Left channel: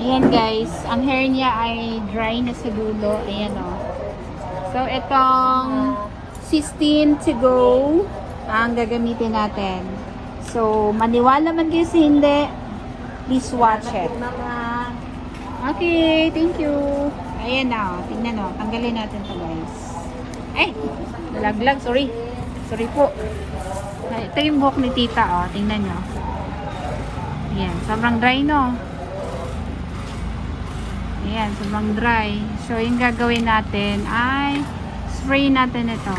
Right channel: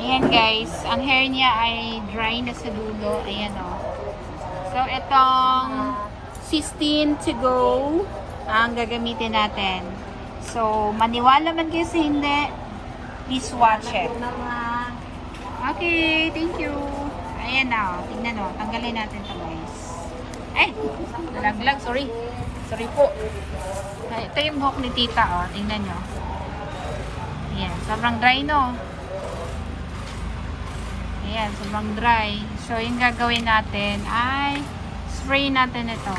Ayan guys, ang hair niya ay dry na sa dulo. Ayan o. So, itong 16 to go ang gagamitin natin. So, maniwala man kayo sa hindi, please watch it. Okay, thank you. Ayan na, tingnan o. Tanggalin natin to guys. Ay, nalaglag, sorry. Sorry po. Ito yung buhok ni tita o. Tingnan nyo. Ayan, sobrang dry no. Ayan, sobrang dry. So, yung gagawin natin ay spray natin ito.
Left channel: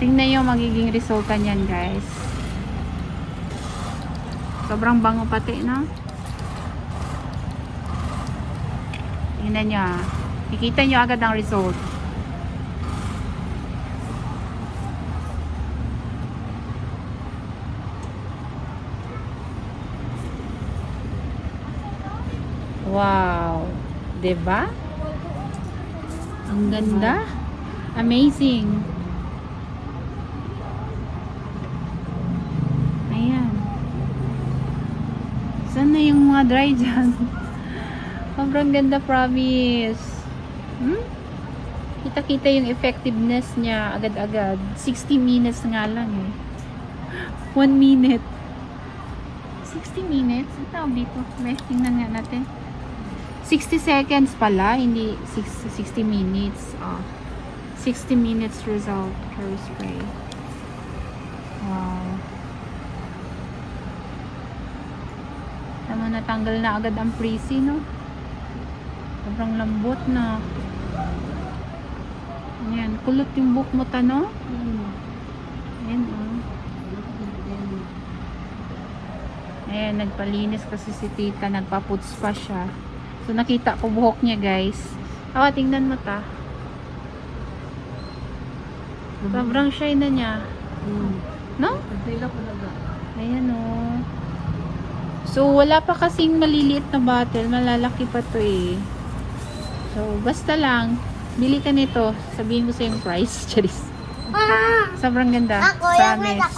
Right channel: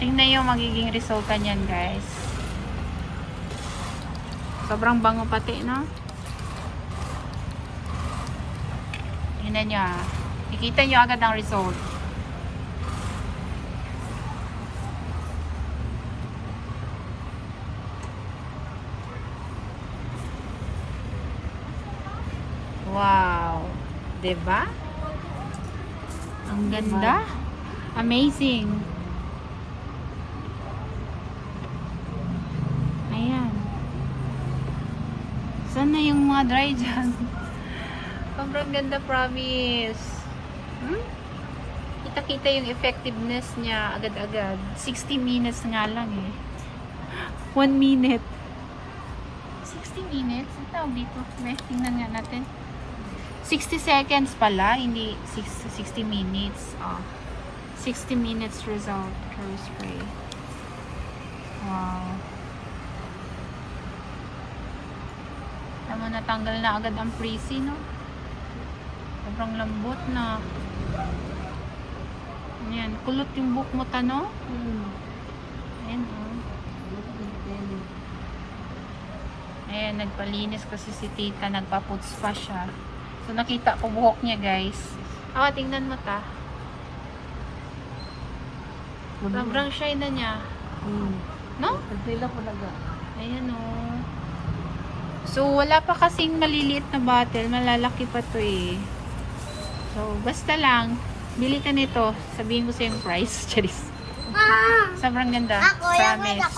Tingnan yung magiging resulta niyan guys. Sobrang bango pati, no? Tingnan nyo. Kikita nyo agad ang result. Wow. Diba? Ang ganda. Amazing. Ayan. Saan na yung mga dry dyan? Sobrang ganda, promise. Kita-kita yung effectiveness niya agad-agad. 60 minutes nga lang eh. 1 minute. 60 minutes? Ang tawag dito. Tingnan nga natin. 60 seconds pala, hindi 60 minutes. 60 minutes result hair spray. Wow. Tama, natanggal na agad ang frizzy, no? Sobrang lambot na. Ayan, kulot yung buhok mo, no? Ayan, Ayan, nagpalinis kasi si tita, nagpa-puts pa siya. So, nakita ko buhok niya, guys. Tingnan mo ta. Sobrang shine na niya. No? Ayan, oh. So, wala pa kasing maliliit na butter. Malalaki pa to eh. So, basta lang. Bili ka nito. Sabihin ko sa yung price. Charis. Sobrang ganda. Promise.